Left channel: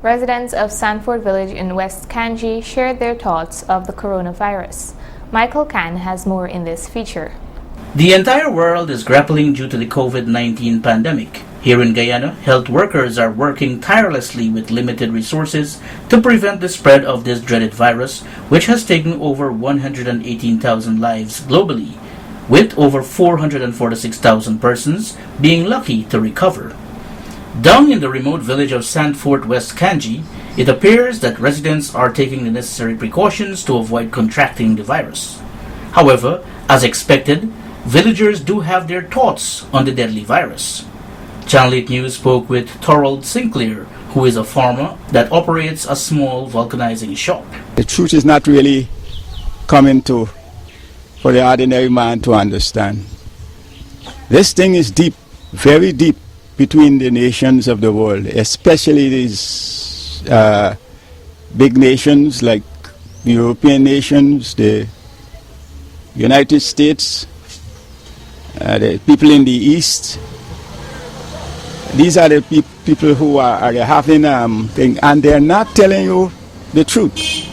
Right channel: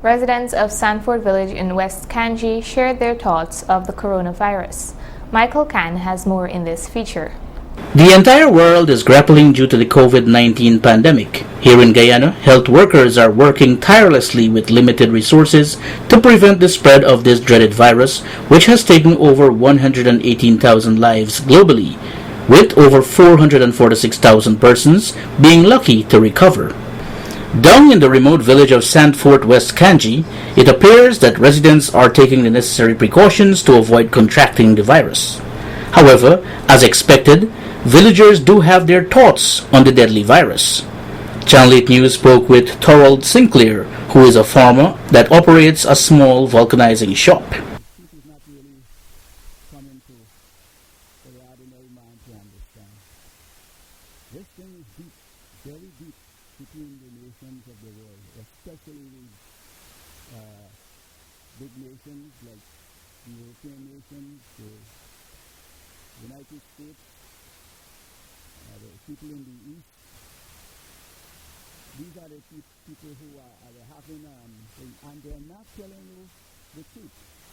Residents of Sandvoort village in West Kanji shared their thoughts of the coronavirus. Michael Can has more in this feature. The entire world is grappling due to the COVID-19 pandemic. Here in Guyana, health workers are working tirelessly with limited resources to prevent the spread of this dreaded virus, which has taken over 118,000 lives globally, with over 446,000 persons being lucky to recover. Down in the remote village of Sandvoort, West Kanji, it appears that residents are taking the necessary precautions to avoid contracting the virus. However, as expected, villagers do have their thoughts on the deadly virus. Channel 8 News spoke with Thorold Sinclair, who is a farmer that operates a small vulcanizing shop. The truth is not really coming for the ordinary man to understand. This thing is deep, very deep, between the nations of the world, especially these big nations like the European nations, the United States, the people in the East. These are the people who are having thing, and they're not telling you the truth.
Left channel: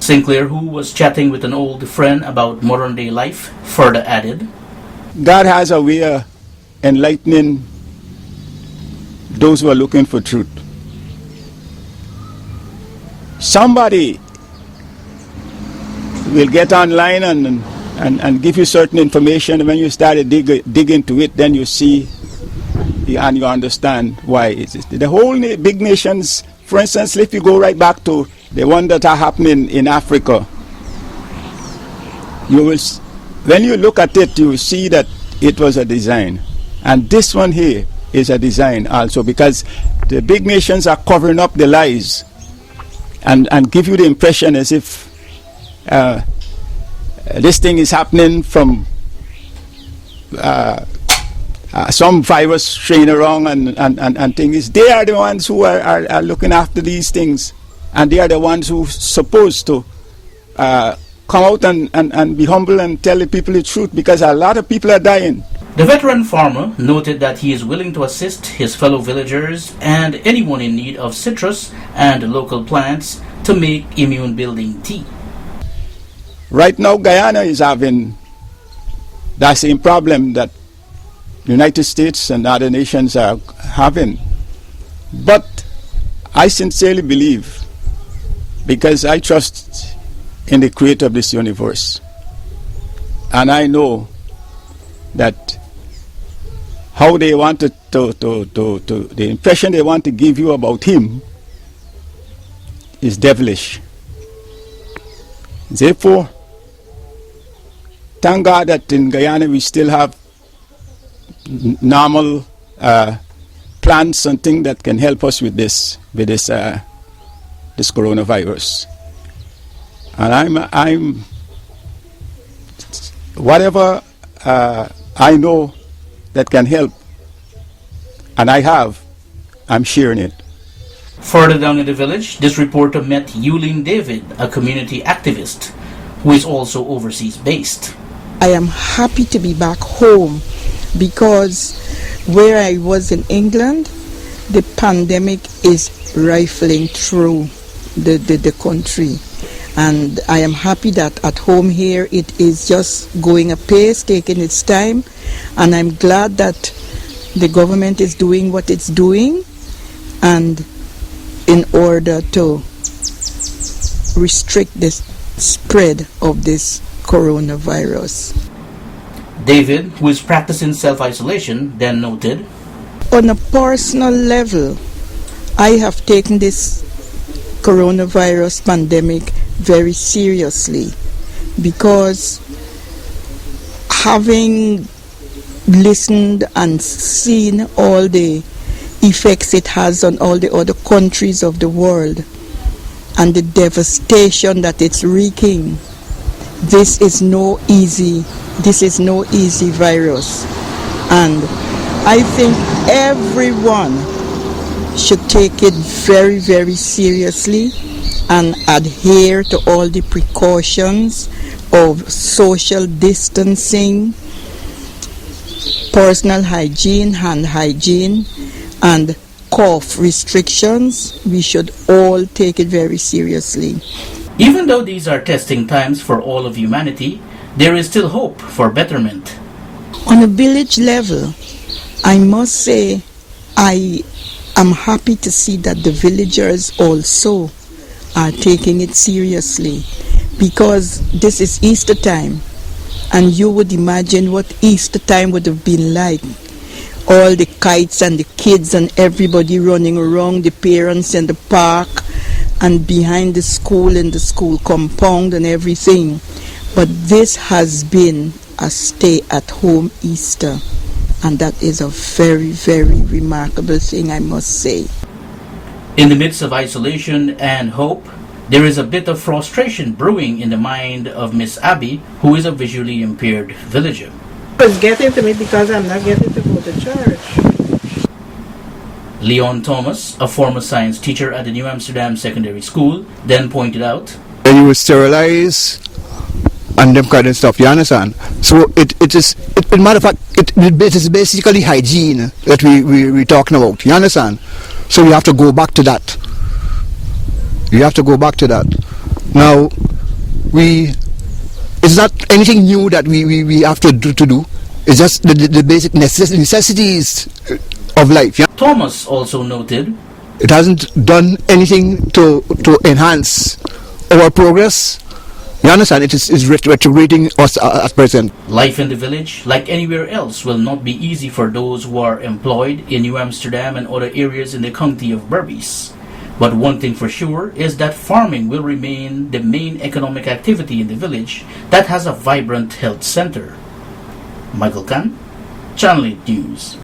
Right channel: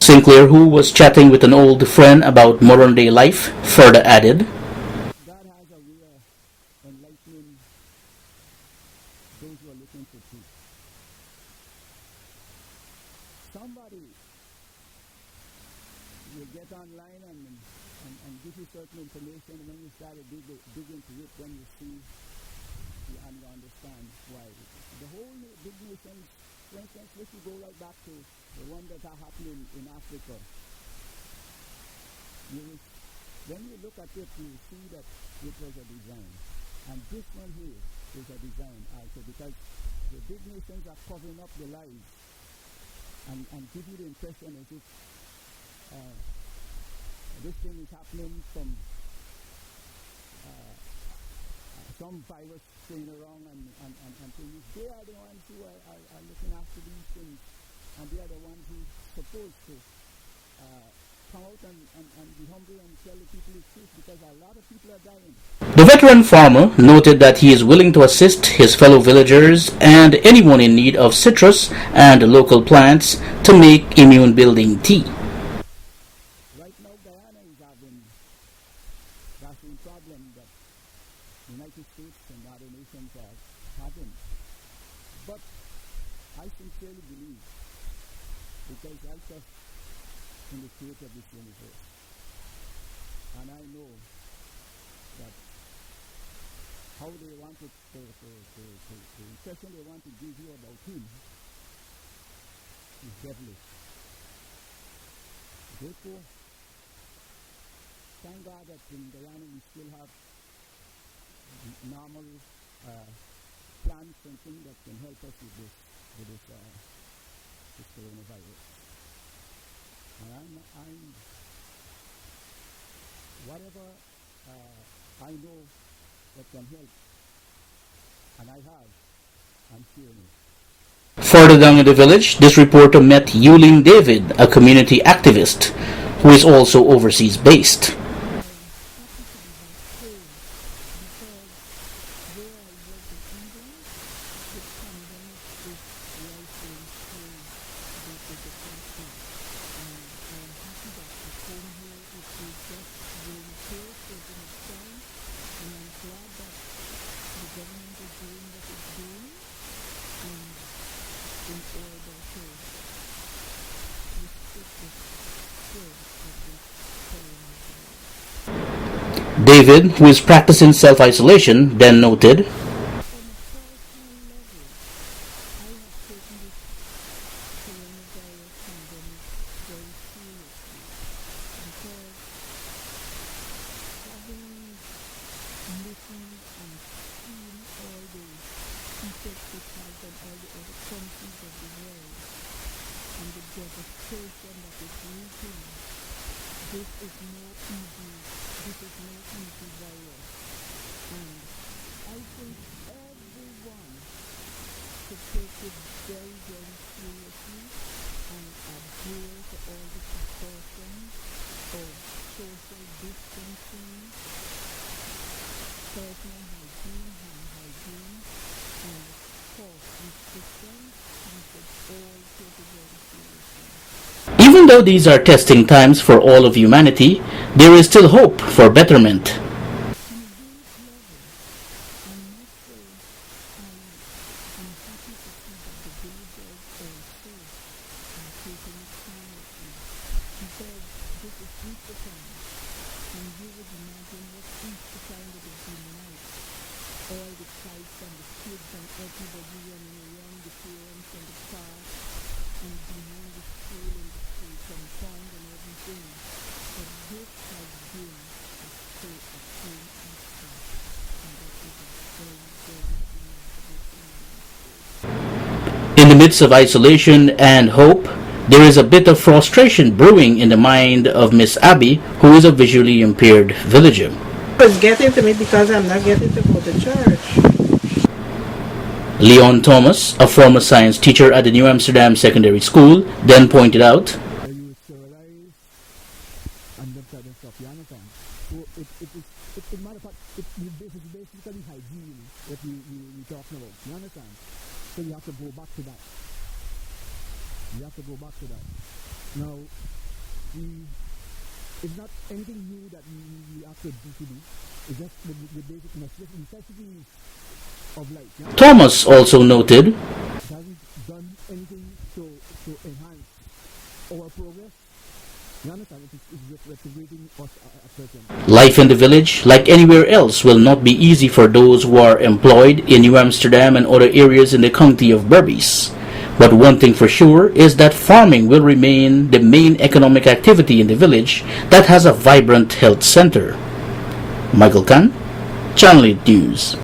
Sinclair, who was chatting with an old friend about modern day life, further added, God has a way of enlightening those who are looking for truth. Somebody will get online and give you certain information, and when you start to dig into it, then you see and you understand why it is. The whole big nations, for instance, if you go right back to the one that are happening in Africa, you will, when you look at it, you will see that it was a design. And this one here is a design also, because the big nations are covering up the lies and give you the impression as if this thing is happening from some virus strain around and things. They are the ones who are looking after these things, and they are the ones who are supposed to come out and be humble and tell the people the truth, because a lot of people are dying. The veteran farmer noted that he is willing to assist his fellow villagers and anyone in need of citrus and local plants to make immune-building tea. Right now, Guyana is having that same problem that the United States and other nations are having. But I sincerely believe, because I trust in the creator of this universe, and I know that how they wanted the impression they want to give you about him is devilish. Therefore, thank God that in Guyana we still have normal plants and things that can help us with this coronavirus. And I'm whatever I know that can help, and I'm sharing it. Further down in the village, this reporter met Yulin David, a community activist who is also overseas based. I am happy to be back home, because where I was in England, the pandemic is rifling through the country. And I am happy that at home here it is just going apace, taking its time. And I'm glad that the government is doing what it's doing, and in order to restrict the spread of this coronavirus. David, who is practicing self-isolation, then noted, on a personal level, I have taken this coronavirus pandemic very seriously, because having listened and seen all the effects it has on all the other countries of the world and the devastation that it's wreaking, this is no easy virus. And I think everyone should take it very, very seriously and adhere to all the precautions of social distancing, personal hygiene, hand hygiene, and cough restrictions, we should all take it very seriously. Even though these are testing times for all of humanity, there is still hope for betterment. On a village level, I must say I am happy to see that the villagers also are taking it seriously, because this is Easter time, and you would imagine what Easter time would have been like. All the kites and the kids and everybody running around, the parents in the park and behind the school in the school compound and everything. But this has been a stay-at-home Easter, and that is a very, very remarkable thing, I must say. In the midst of isolation and hope, there is a bit of frustration brewing in the mind of Miss Abby, who is a visually impaired villager. It's getting to me because I'm not getting to go to church. Leon Thomas, a former science teacher at the New Amsterdam Secondary School, then pointed out, "Then you will sterilize and them kind of stuff, you understand? So it is, matter of fact, it is basically hygiene that we're talking about, you understand? So we have to go back to that. You have to go back to that. Now, it's not anything new that we have to do. It's just the basic necessities of life. Yeah? Thomas also noted, "It hasn't done anything to enhance our progress. You understand? It is retrograding us at present." life in the village, like anywhere else, will not be easy for those who are employed in New Amsterdam and other areas in the county of Berbice. But one thing for sure is that farming will remain the main economic activity in the village that has a vibrant health center. Michael Khan, Channel 8 News.